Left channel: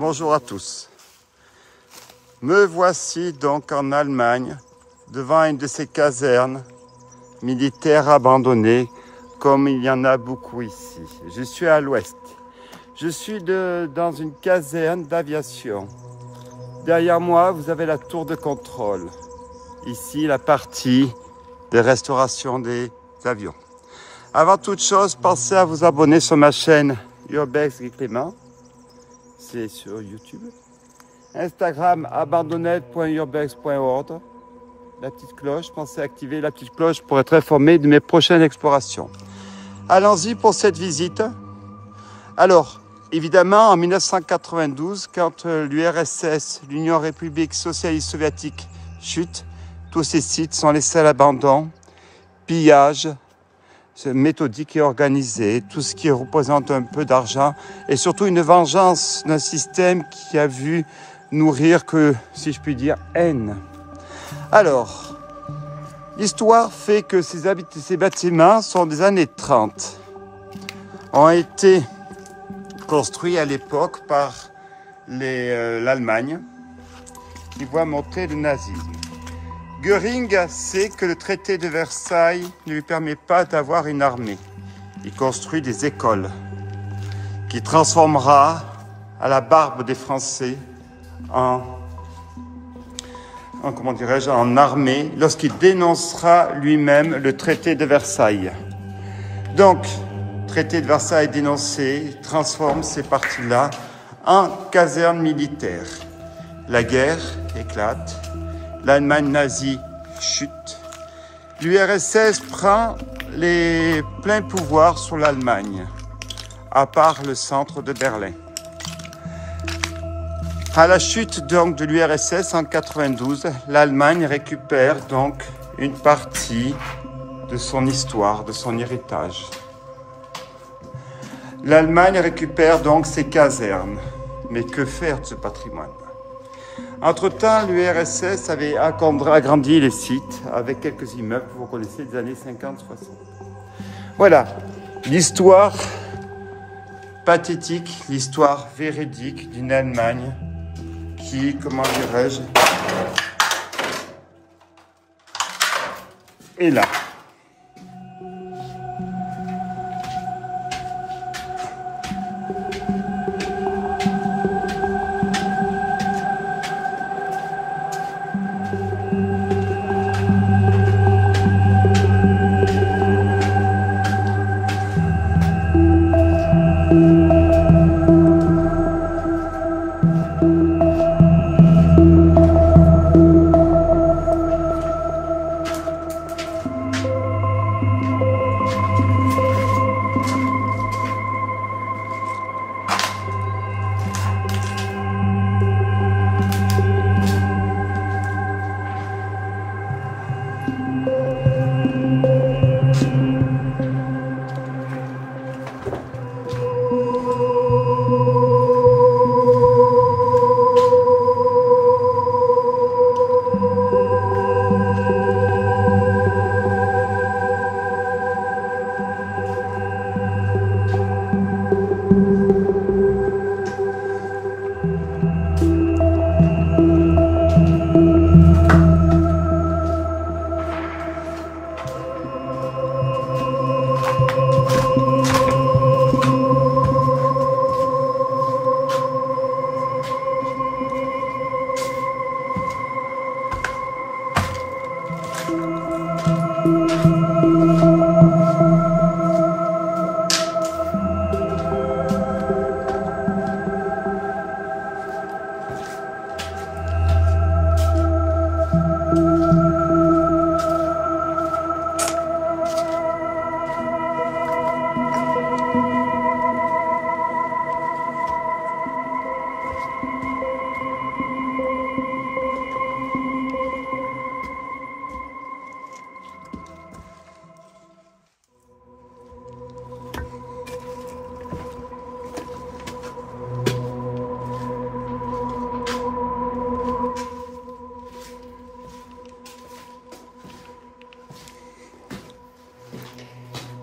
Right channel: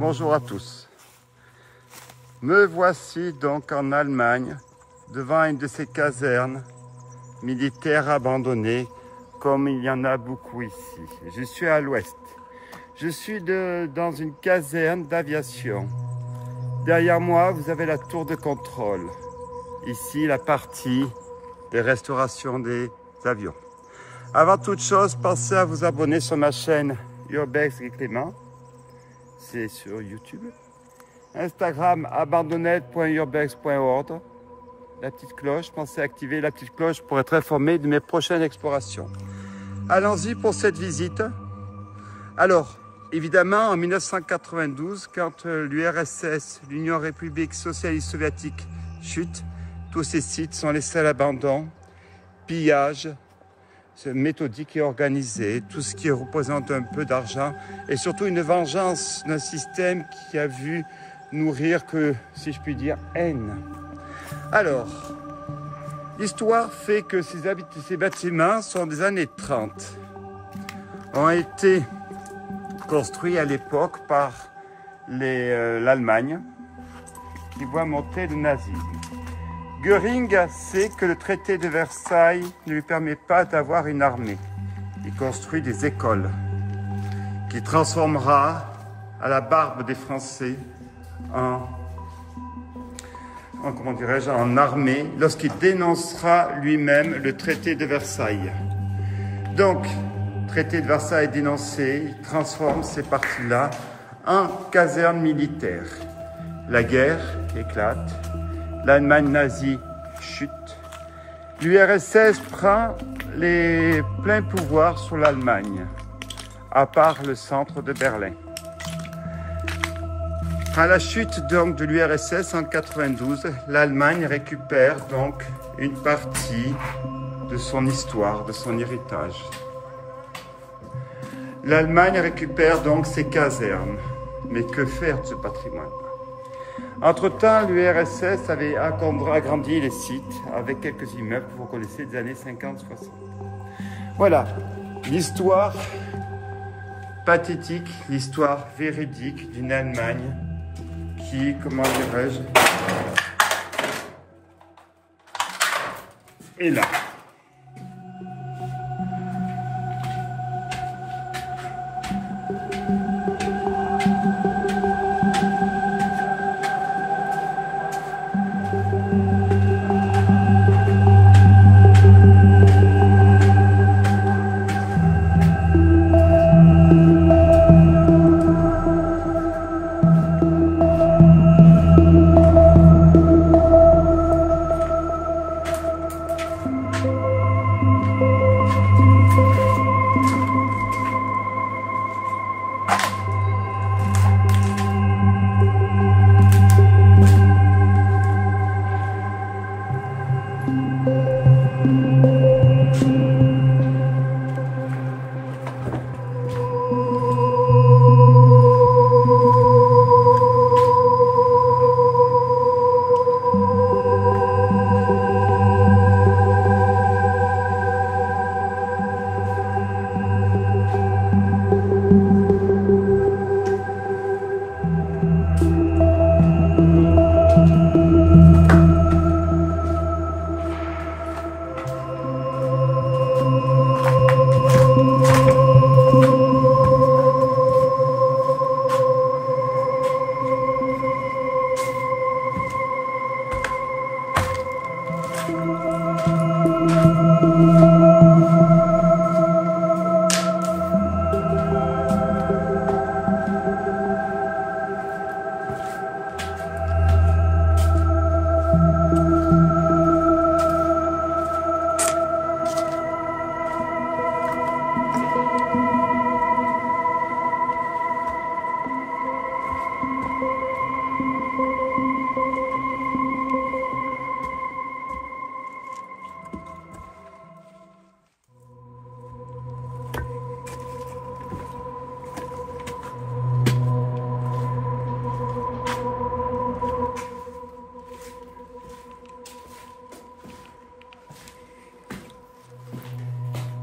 bonjour à tous. Me voici donc en Allemagne, devant une de ces casernes militaires abandonnées, comme il y en a beaucoup ici. Je suis à l'ouest. Je suis dans une caserne d'aviation. Derrière moi, vous avez la tour de contrôle. Ici, la partie de restauration des avions. Avant toute chose, pensez à vous abonner sur ma chaîne Urbex et Clément. C'est sur YouTube. Instagram abandonnette.urbex.org. La petite cloche, pensez à activer la petite cloche pour être informé de mes prochaines explorations. Allons-y pour cette visite. Alors, évidemment, en 1992, quand l'URSS, l'Union République Socialiste Soviétique, chute, tous ces sites sont laissés à l'abandon, pillage, méthodique et organisé, tout ce qui représente un peu d'argent et surtout une vengeance d'un système qui a vu nourrir que, si je puis dire, haine. Alors, l'histoire fait que ces bâtiments sont des années 30, ont été construits à l'époque par l'Allemagne qui voit monter le nazisme. Göring sait que le traité de Versailles ne lui permet pas d'avoir une armée. Il construit des écoles qui transformera à la barbe des Français en armée lorsqu'il dénoncera lui-même le traité de Versailles. Donc, traité de Versailles dénoncé, il transforme ces parties-là en casernes militaires. La guerre éclate. L'Allemagne nazie chute. L'URSS prend les pleins pouvoirs sur l'Allemagne, à part le centre de Berlin. À la chute donc de l'URSS en 92, l'Allemagne récupère donc une partie de son histoire, de son héritage. L'Allemagne récupère donc ses casernes. Mais que faire de ce patrimoine ? Entre-temps, l'URSS avait agrandi les sites avec quelques immeubles que vous connaissez des années 50-60. Voilà, l'histoire pathétique, l'histoire véridique d'une Allemagne qui, comment dirais-je, est là.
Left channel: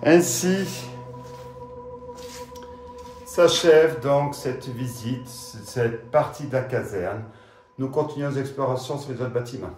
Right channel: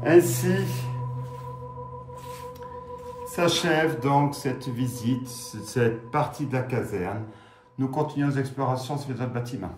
Ainsi s'achève donc cette visite, cette partie de la caserne. Nous continuons nos explorations sur les autres bâtiments.